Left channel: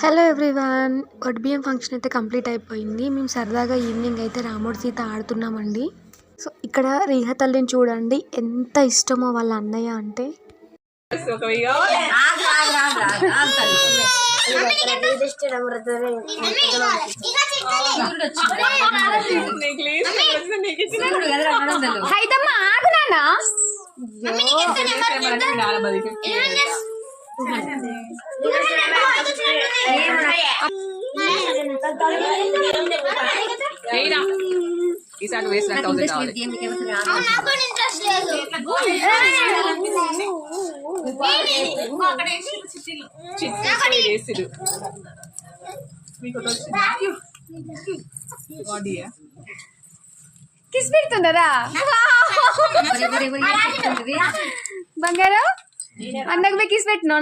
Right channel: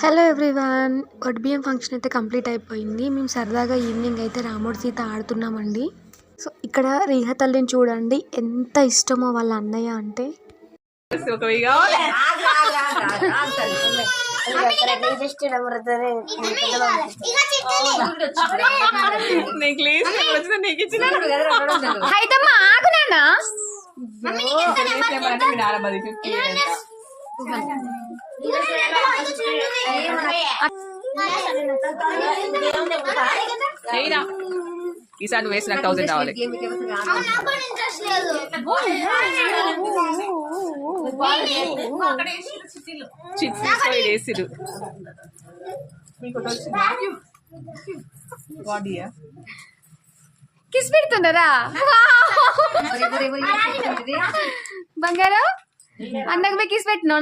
Hello everyone, బియ్యం function అయితే complete అయిపోయింది. మేము సరదాగా ఈవినింగ్ అయితే రాముడు సీత ఆడుతున్నామండి. సో ఇక్కడ రీహ తల్లిని చూడండి, ఎంత ఇష్టమో వాళ్ళ అన్నయ్య అంటే. ఈసారి వేసిన 1000 కావాలి. కిస్ పెడుతున్నారా బంగారం? అన్నకు కిస్ పెట్టినా